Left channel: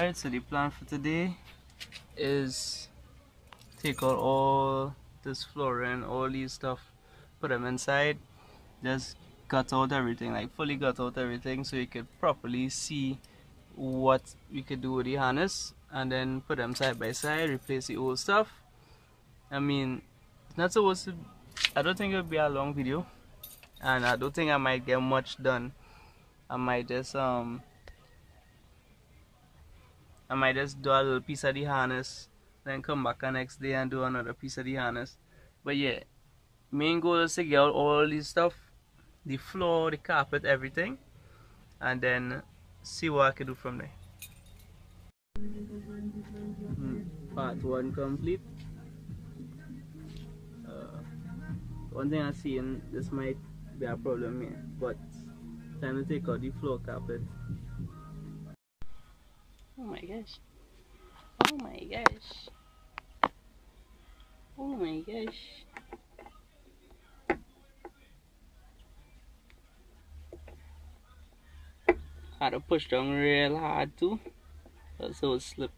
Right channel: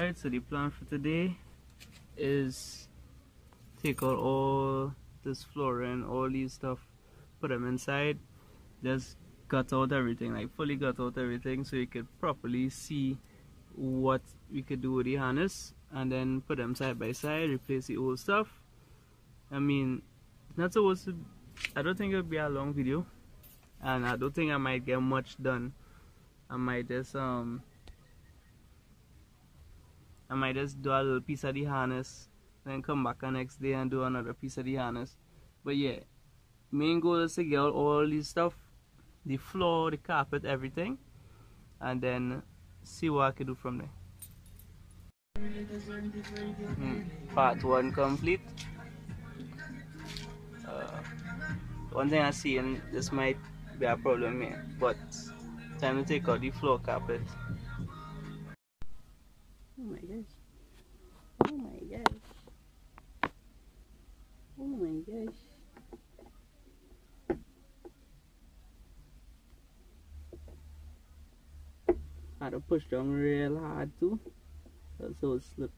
Alright, so the plan for today is take out all this flooring, all these stuff, put them inside, just gut out everything, like fully gut out everything, so you could properly see what we could do with the harness, and then put them side by side, replace the old stuff. I mean, it's not supposed to, I don't think it'll be a long video, and I don't think I might get much done. I might just do a little piece of the harness, then come back the next day and do another piece of the harness. But yeah, main goal is to get out all this stuff, the floor, the carpet, everything, and then see what I can do from there. Part 1 complete. One thing I see, and this might be a problem here, but time to take out the floor carpet. Oh my gosh. Oh my gosh. Oh my gosh. I had to push down real hard too, so it slipped.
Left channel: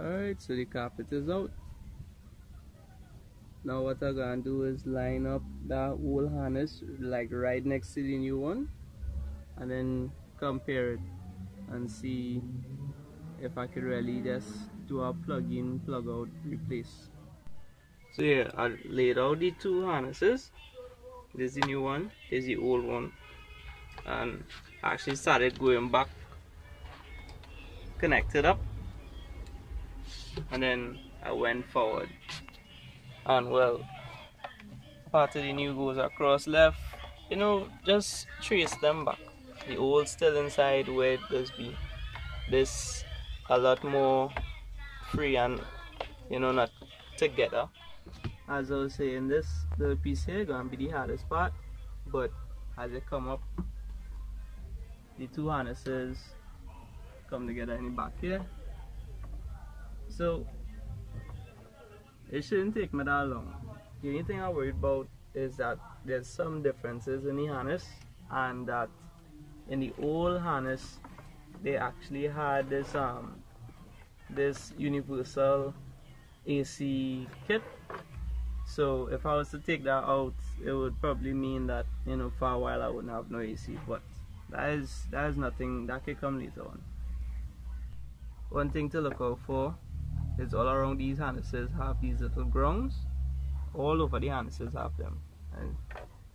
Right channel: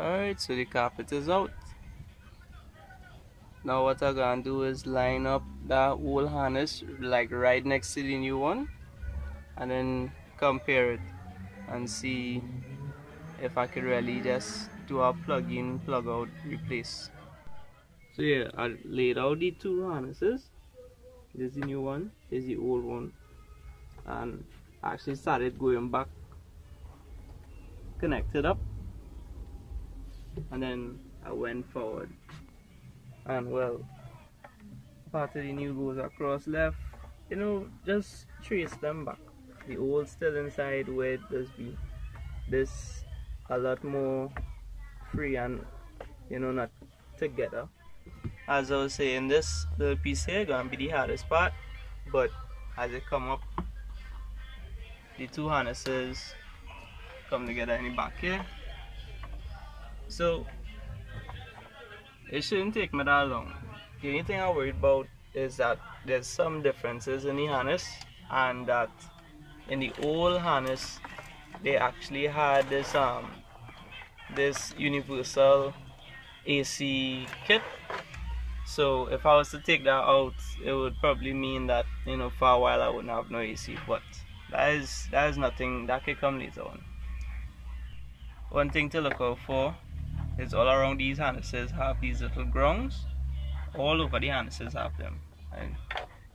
Alright, so the carpet is out. Now what I'm gonna do is line up that old harness like right next to the new one, and then compare it and see if I could really just do a plug in, plug out, replace. So yeah, I laid out the two harnesses. This is the new one, this is the old one, and I actually started going back, connected up, and then I went forward, and well, part of the new goes across left, you know, just trace them back. The old still inside where it does be. This a lot more free and, you know, not together. As I was saying, this little piece here gonna be the hardest part, but as it come up, the two harnesses come together in the back here. So it shouldn't take me that long. The only thing I'm worried about is that there's some differences in the harness, and that in the old harness they actually had this this universal AC kit. So if I was to take that out, it would probably mean that, you know, for a while I wouldn't have no AC, but that is nothing that could come later on. One thing to look out for is all around these harnesses have these little grounds. All over the harnesses have them. I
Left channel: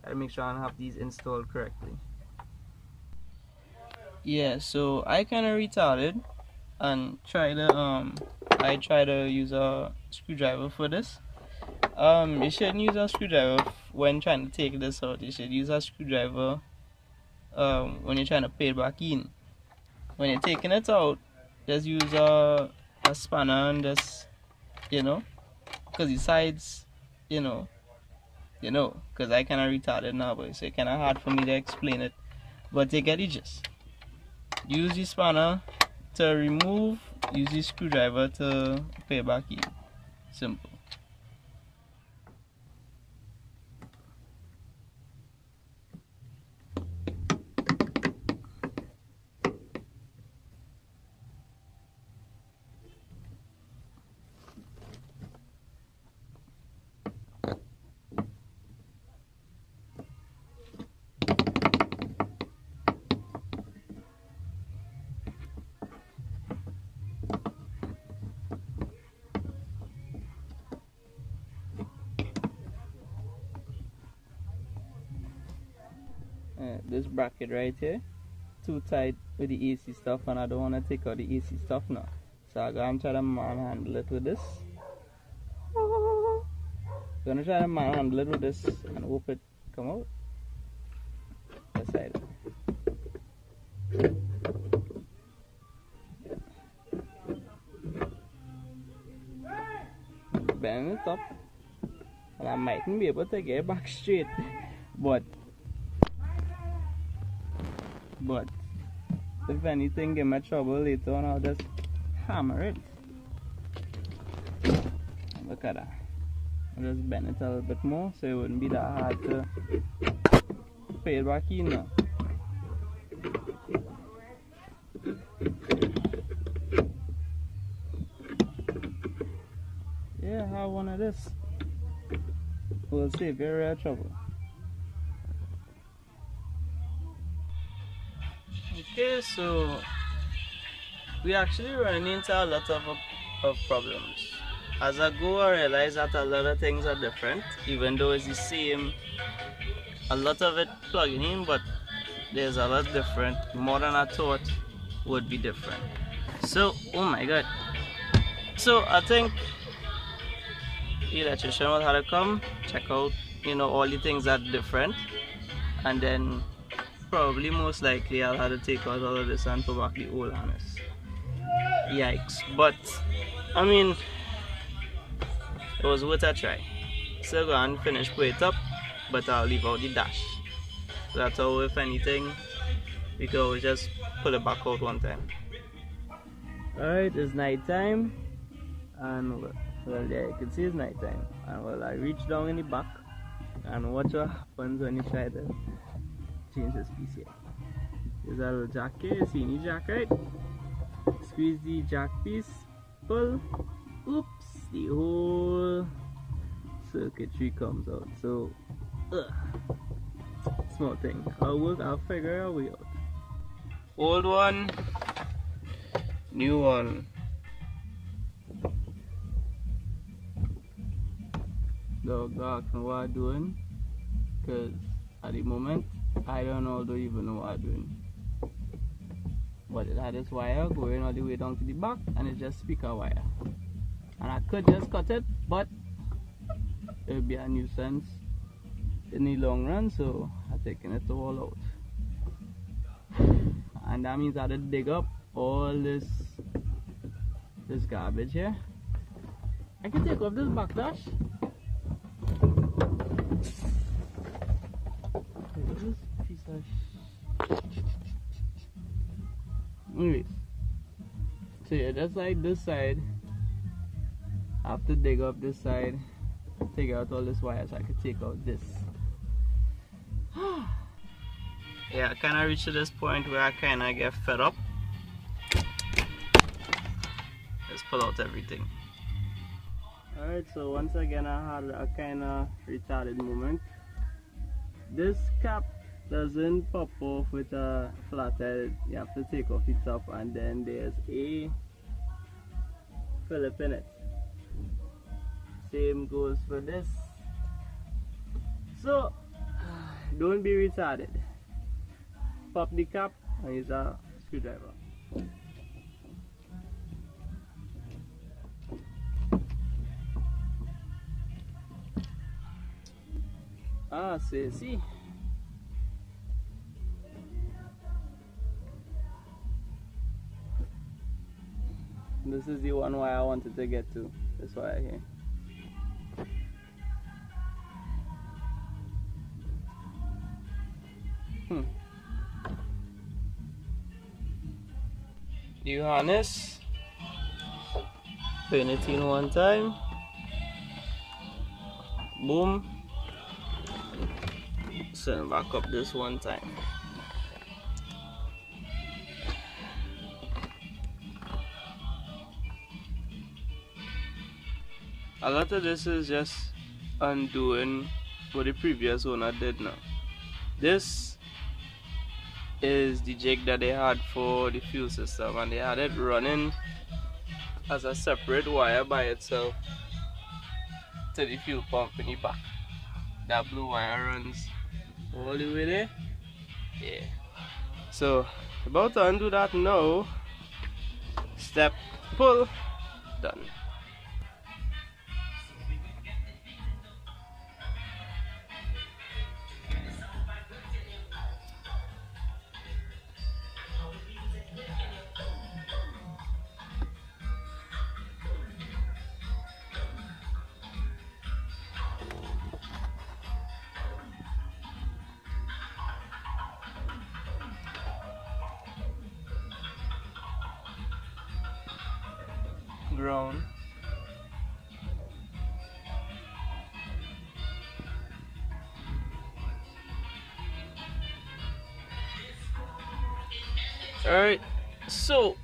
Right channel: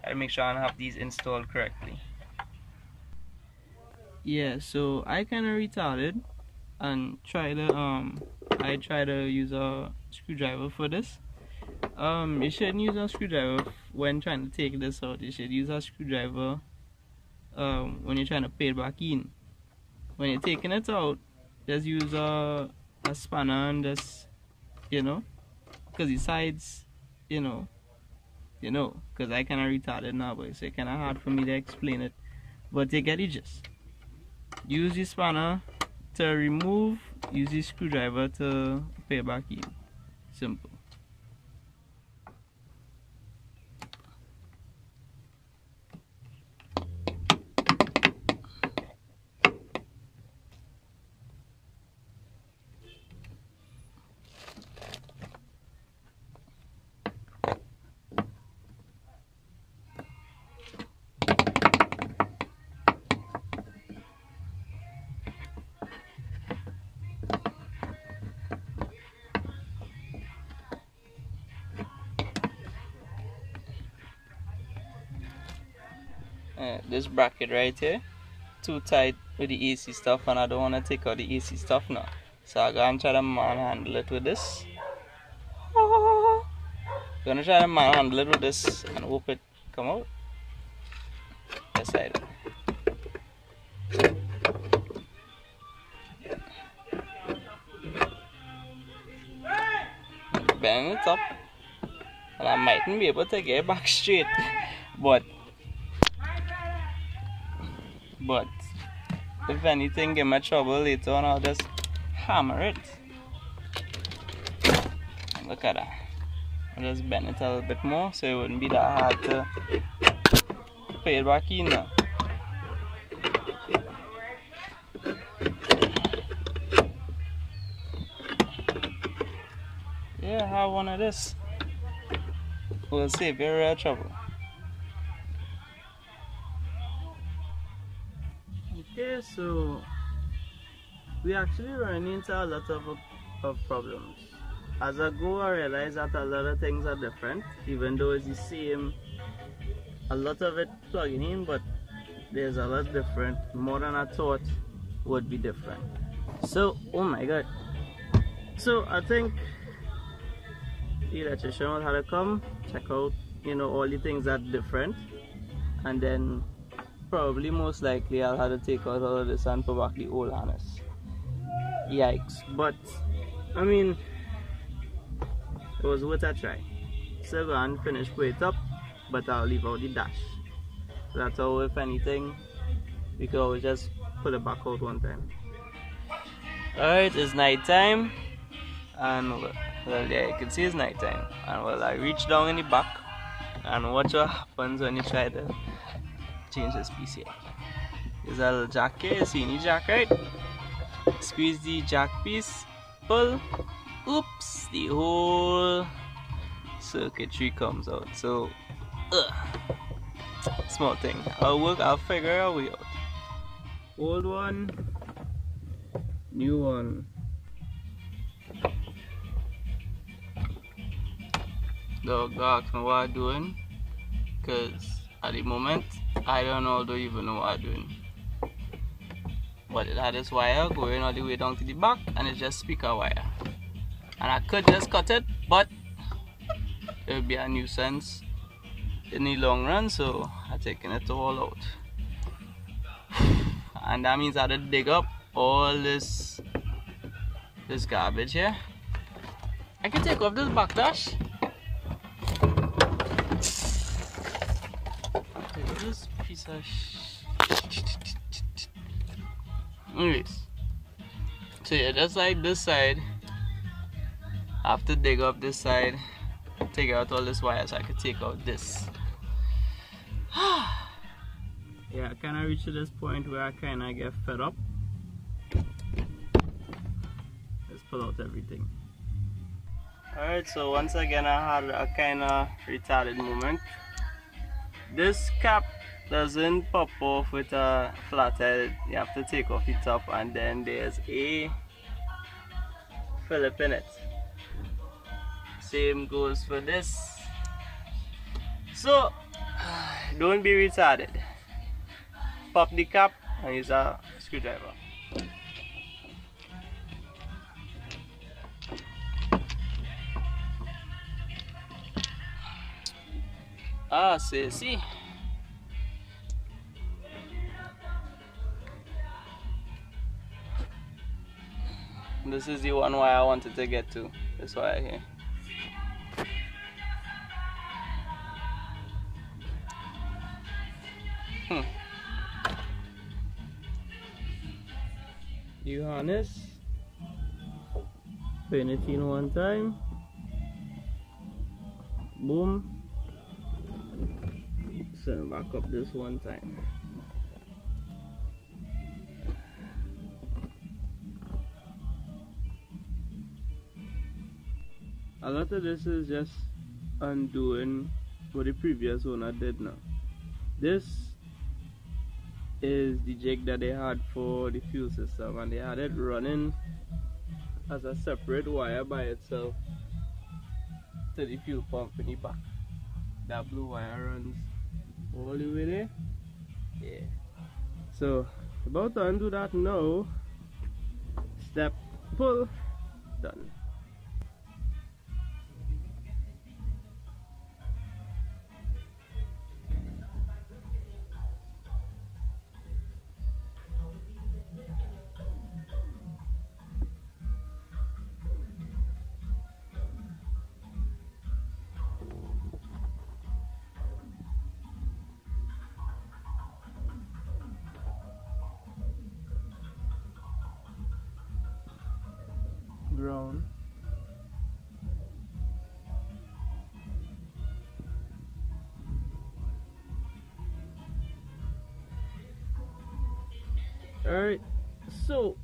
gotta make sure I have these installed correctly. Yeah, so I kinda retarded and tried to I tried to use a screwdriver for this. You shouldn't use a screwdriver when trying to take this out. You should use a screwdriver when you're trying to put it back in. When you're taking it out, just use a spanner and just, you know, because the sides, you know, you know, because I kind of retarded now, but it's kind of hard for me to explain it. But you get the gist. Use the spanner to remove, use the screwdriver to put it back in. Simple. This bracket right here, too tight with the AC stuff, and I don't want to take out the AC stuff now. So I'm gonna try to manhandle it with this. Gonna try to manhandle it with this and hope it come out. This side. Bend it up, and I mightn't be able to get it back straight, but if anything give me trouble later on, I'll just hammer it. Look at that. I'll just bend it a little bit more so it wouldn't be that hard to put it back in now. Yeah, have one of this. We'll save you real trouble. Okay, so we actually run into a lot of problems. As I go, I realize that a lot of things are different, even though it's the same. A lot of it plugging in, but there's a lot different, more than I thought would be different. So, oh my god. So I think the electrician will have to come, check out, you know, all the things that are different, and then probably most likely I'll have to take out all of this and put back the old harness. Yikes. But I mean, it was worth a try. So go and finish put it up, but I'll leave out the dash. So that's how, if anything, we can always just pull it back out one time. Alright, it's night time, and well, yeah, you can see it's night time. And well, I reach down in the back and watch what happens when you try to change this piece here. There's a little jack here, you see any jack, right? Squeeze the jack piece, pull, oops, the whole circuitry comes out. So, small thing. I'll figure a way out. Old one, new one. Don't ask me what I'm doing, because at the moment I don't even know what I'm doing. But it had this wire going all the way down to the back, and it's just speaker wire. And I could just cut it, but it would be a nuisance in the long run, so I'm taking it all out. And that means I had to dig up all this garbage here. I can take off this backdash. This piece of anyways, so yeah, just like this side, I have to dig up this side, take out all this wire so I can take out this. Yeah, I kind of reached to this point where I kind of get fed up. Let's pull out everything. Alright, so once again I had a kind of retarded moment. This cap doesn't pop off with a flathead. You have to take off the top, and then there's a Phillip in it. Same goes for this. So don't be retarded. Pop the cap and use a screwdriver. So you see, this is the one wire I wanted to get to. This wire here. New harness. Pin it in one time. Boom. Send back up this one time. A lot of this is just undoing what the previous owner did now. This is the jig that they had for the fuel system, and they had it running as a separate wire by itself to the fuel pump in the back. That blue wire runs all the way there. Yeah. So about to undo that now. Step, pull, done. Ground. Alright, so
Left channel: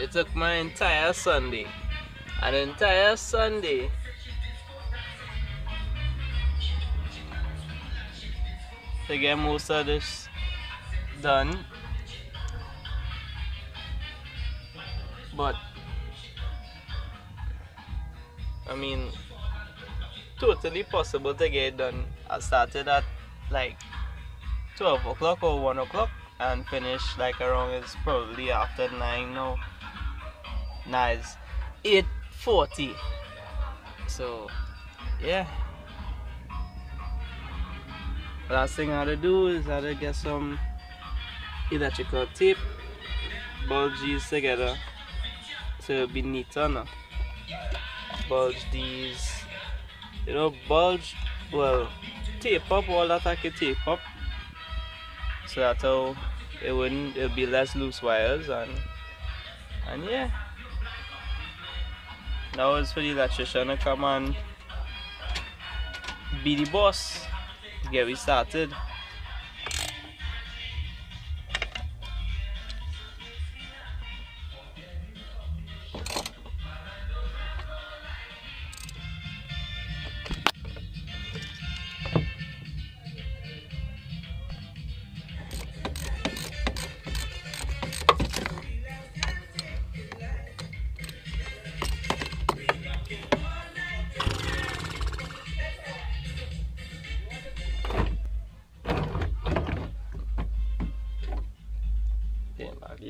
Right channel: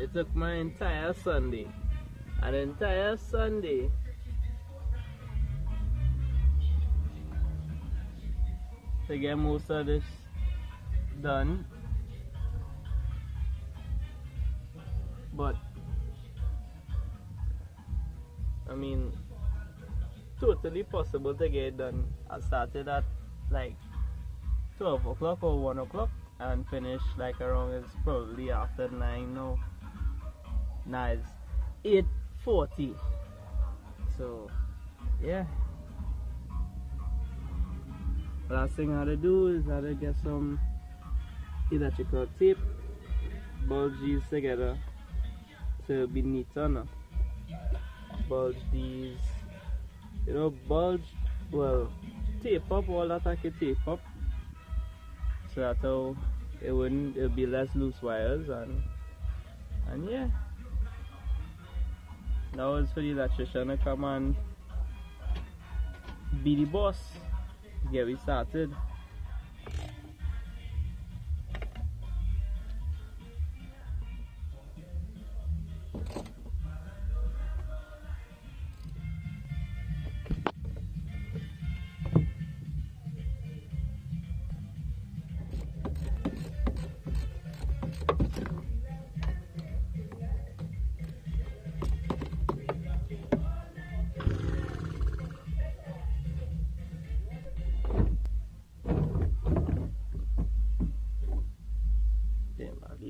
it took my entire Sunday, an entire Sunday to get most of this done, but I mean, totally possible to get it done. I started at like 12 o'clock or 1 o'clock and finished like around, it's probably after 9 now. Nice. 8:40. So yeah, last thing I had to do is I had to get some electrical tape, bulge these together so it'll be neater now. Bulge these, you know, bulge, well, tape up all that I could tape up, so that's how it'll be less loose wires, and yeah. Now it's for the electrician to come and be the boss, get we started.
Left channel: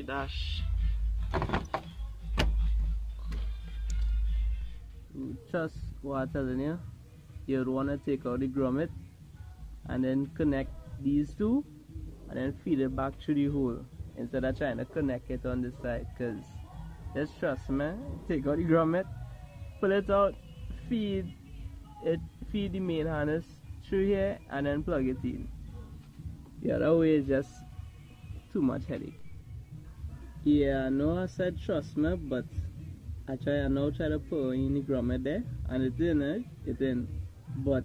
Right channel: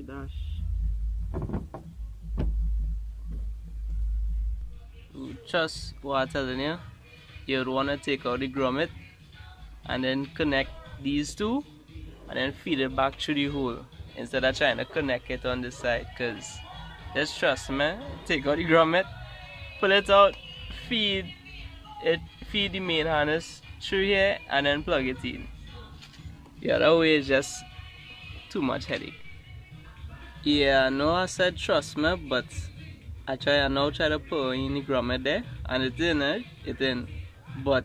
Dash. Just what I'm telling you, you'd want to take out the grommet and then connect these two and then feed it back through the hole instead of trying to connect it on the side, because just trust me, take out the grommet, pull it out, feed the main harness through here and then plug it in. The other way is just too much headache. Yeah, I know I said trust me, but I now try to put in the grommet there, and it in, but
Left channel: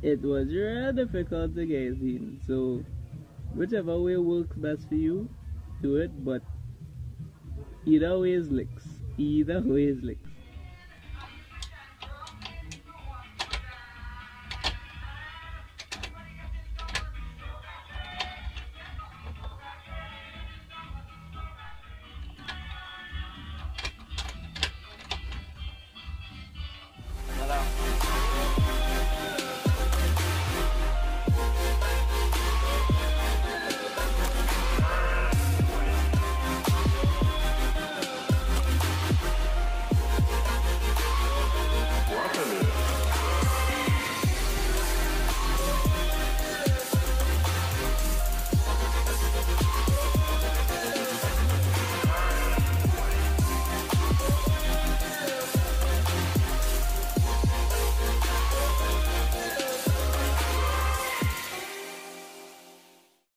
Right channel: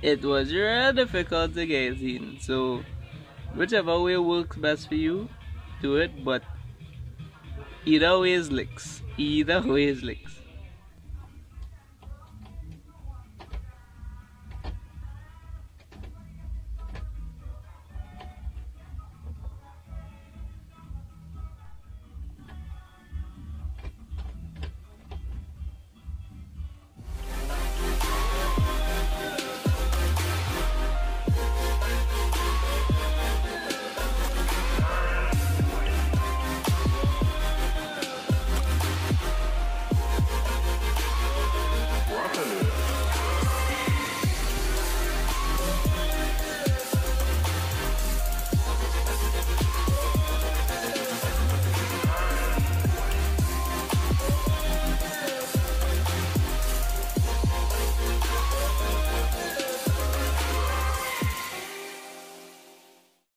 it was really difficult to get it in. So whichever way works best for you, do it, but either way is licks.